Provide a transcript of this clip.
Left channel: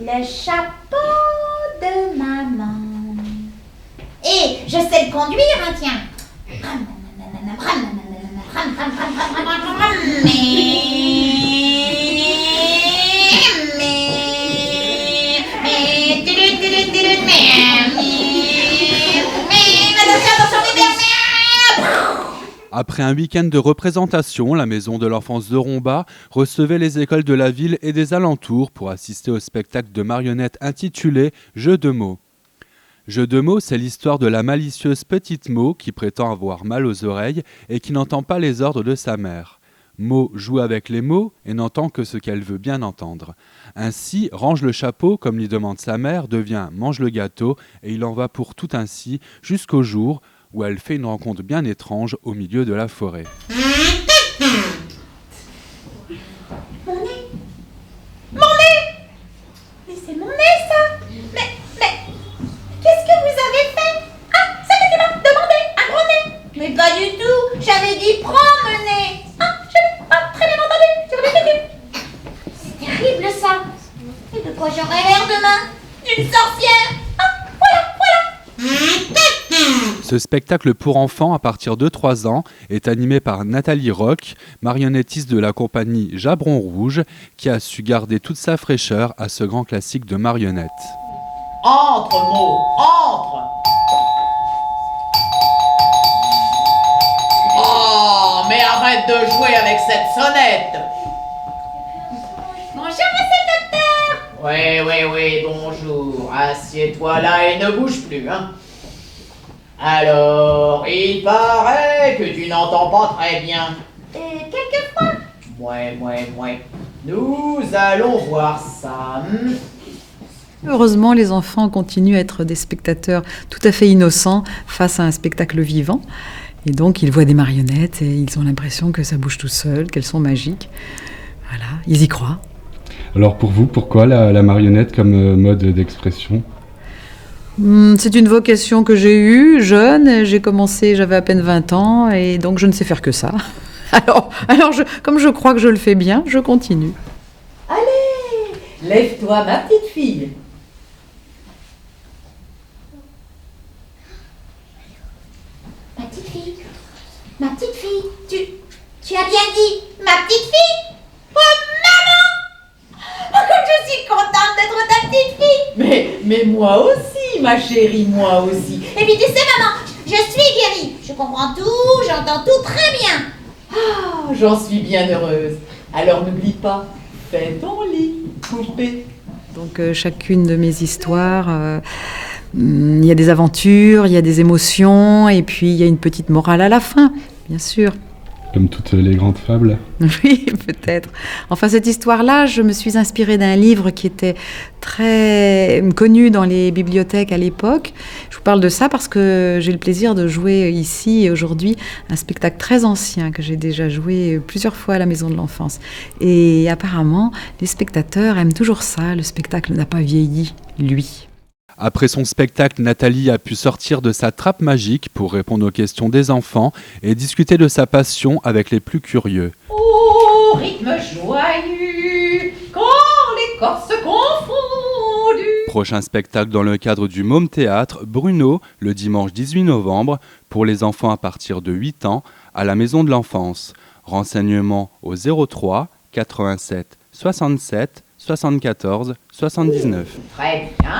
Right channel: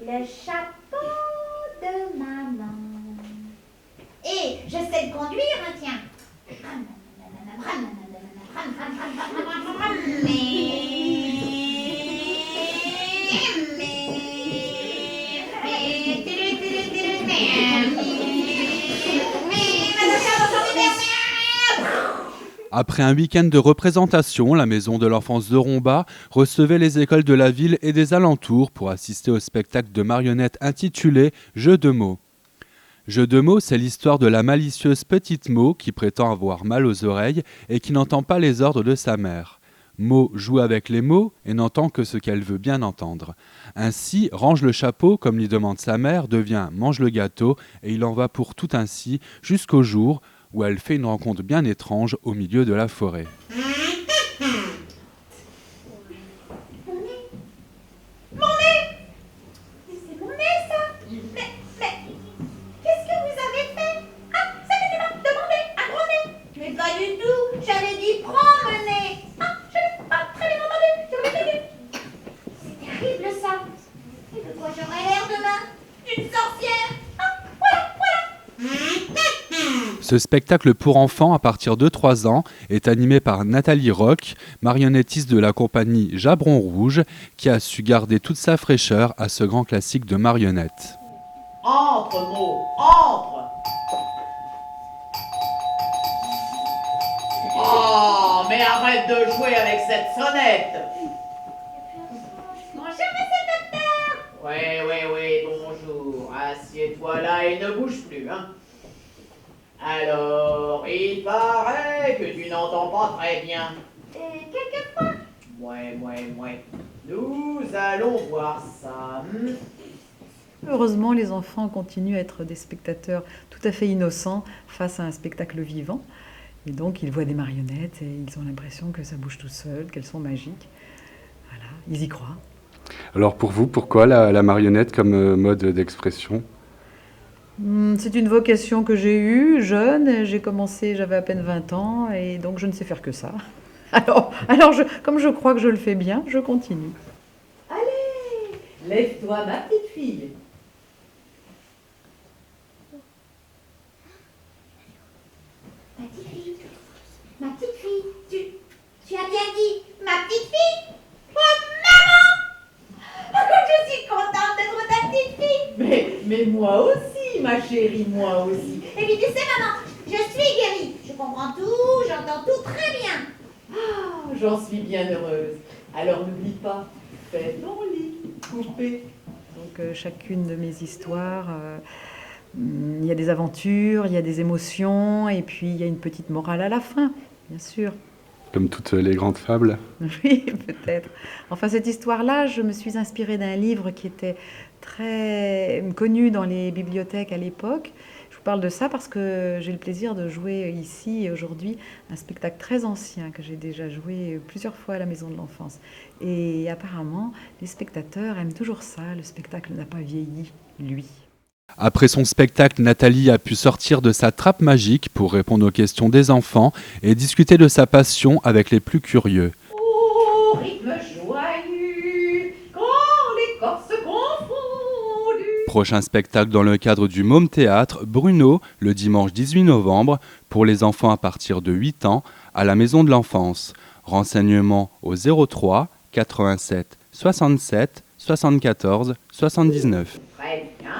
Le chapeau de maman. Et je sais le conduire, hein, tiens. Après un week-end de représentation, la maison de l'enfance de Romba recevait les écoles de la ville et des alentours pour assister au spectacle de marionnettes intitulé « Jeux de mots ». Jeux de mots, c'est l'histoire de la malicieuse petite Mo qui prétend avoir mal aux oreilles et qui n'entend pas les ordres de sa mère. Mo joue avec les mots et n'entend que ce qu'elle veut bien entendre. Ainsi, range le chapeau, comme lui demande sa mère, devient mange le gâteau et il en va pour tout ainsi jusqu'au jour où elle fait une rencontre bien étrange au milieu de la forêt. Mon nez! Mais c'est mon nez, ça! Mais, qu'est-ce que vous avez fait? Ah, c'est que tu m'as demandé un gros nez! Mais pas du tout! J'avais dit prends mon nez! Ah, je n'ai pas très bien entendu! Je répété! C'est terrible, ça! Et de quoi j'aurai l'air demain? D'une sorcière! Ah, voilà! Ce spectacle pour enfants à partir de 3 ans est animé par Nathalie Roch, marionnettiste de la compagnie Jabron Rouge, qui a su garder toute sa fraîcheur à ce grand classique de marionnettes. Entre, Mo, entre! Oh, mais arrête de jouer avec cette sonnette! Bonjour, monsieur le docteur! Oui, bonjour. Assieds-toi là et ne bouge plus, hein. Alors, il paraît que tu n'entends pas très bien. Quelquefois. Ouais. Nous allons voir ça. Heureusement, les enfants continuent à être des spectateurs tout à fait innocents face à un spectacle vivant. Et donc, ils voient des marionnettes et ils ont l'impression que ça bouge tout seul, qu'elles sont magiques. Voilà, ils y croient. Alors pour vous, pourquoi la marionnette comme mode d'expression ? C'est une vocation que j'ai eue jeune. J'ai commencé, j'avais à peine 20 ans et donc je ne sais faire que ça. Alors comme je crois que je le fais bien, je continue. Allez, lève-toi, ma petite fille. Ma petite fille, tu as bien dit ma petite fille? Oh maman! Oh, comme je suis contente d'être ta petite fille! Mais moi aussi, ma chérie, moi aussi. Et puis tu sais maman, je suis guérie, je comprends tout, j'entends tout très bien. Ah, j'en suis bien heureuse. Alors n'oublie pas, fais ton lit, poupée. Donc chacune de mes histoires, il y a des aventures, il y a des émotions et puis il y a une petite morale à la fin, bien sûr. Comme toutes les grandes fables ? Oui, peut-être. Enfin, cette histoire-là, je me suis inspirée d'un livre qui était très connu dans les bibliothèques à l'époque. Je vous parle de ça parce que j'ai le plaisir de jouer ici et aujourd'hui un spectacle très ancien que j'ai déjà joué plusieurs fois à la Maison de l'Enfance. Et apparemment, les spectateurs aiment toujours ça. Le spectacle n'a pas vieilli, lui. Après son spectacle, Nathalie a pu sortir de sa trappe magique pour répondre aux questions des enfants et discuter de sa passion avec les plus curieux. Au rythme joyeux, quand les corps se confondent. Prochain spectacle dans le cadre du Môme Théâtre, Bruno, le dimanche 18 novembre, pour les enfants à partir de 8 ans, à la Maison de l'Enfance. Renseignements au 03 87 67 74 79. Très bien.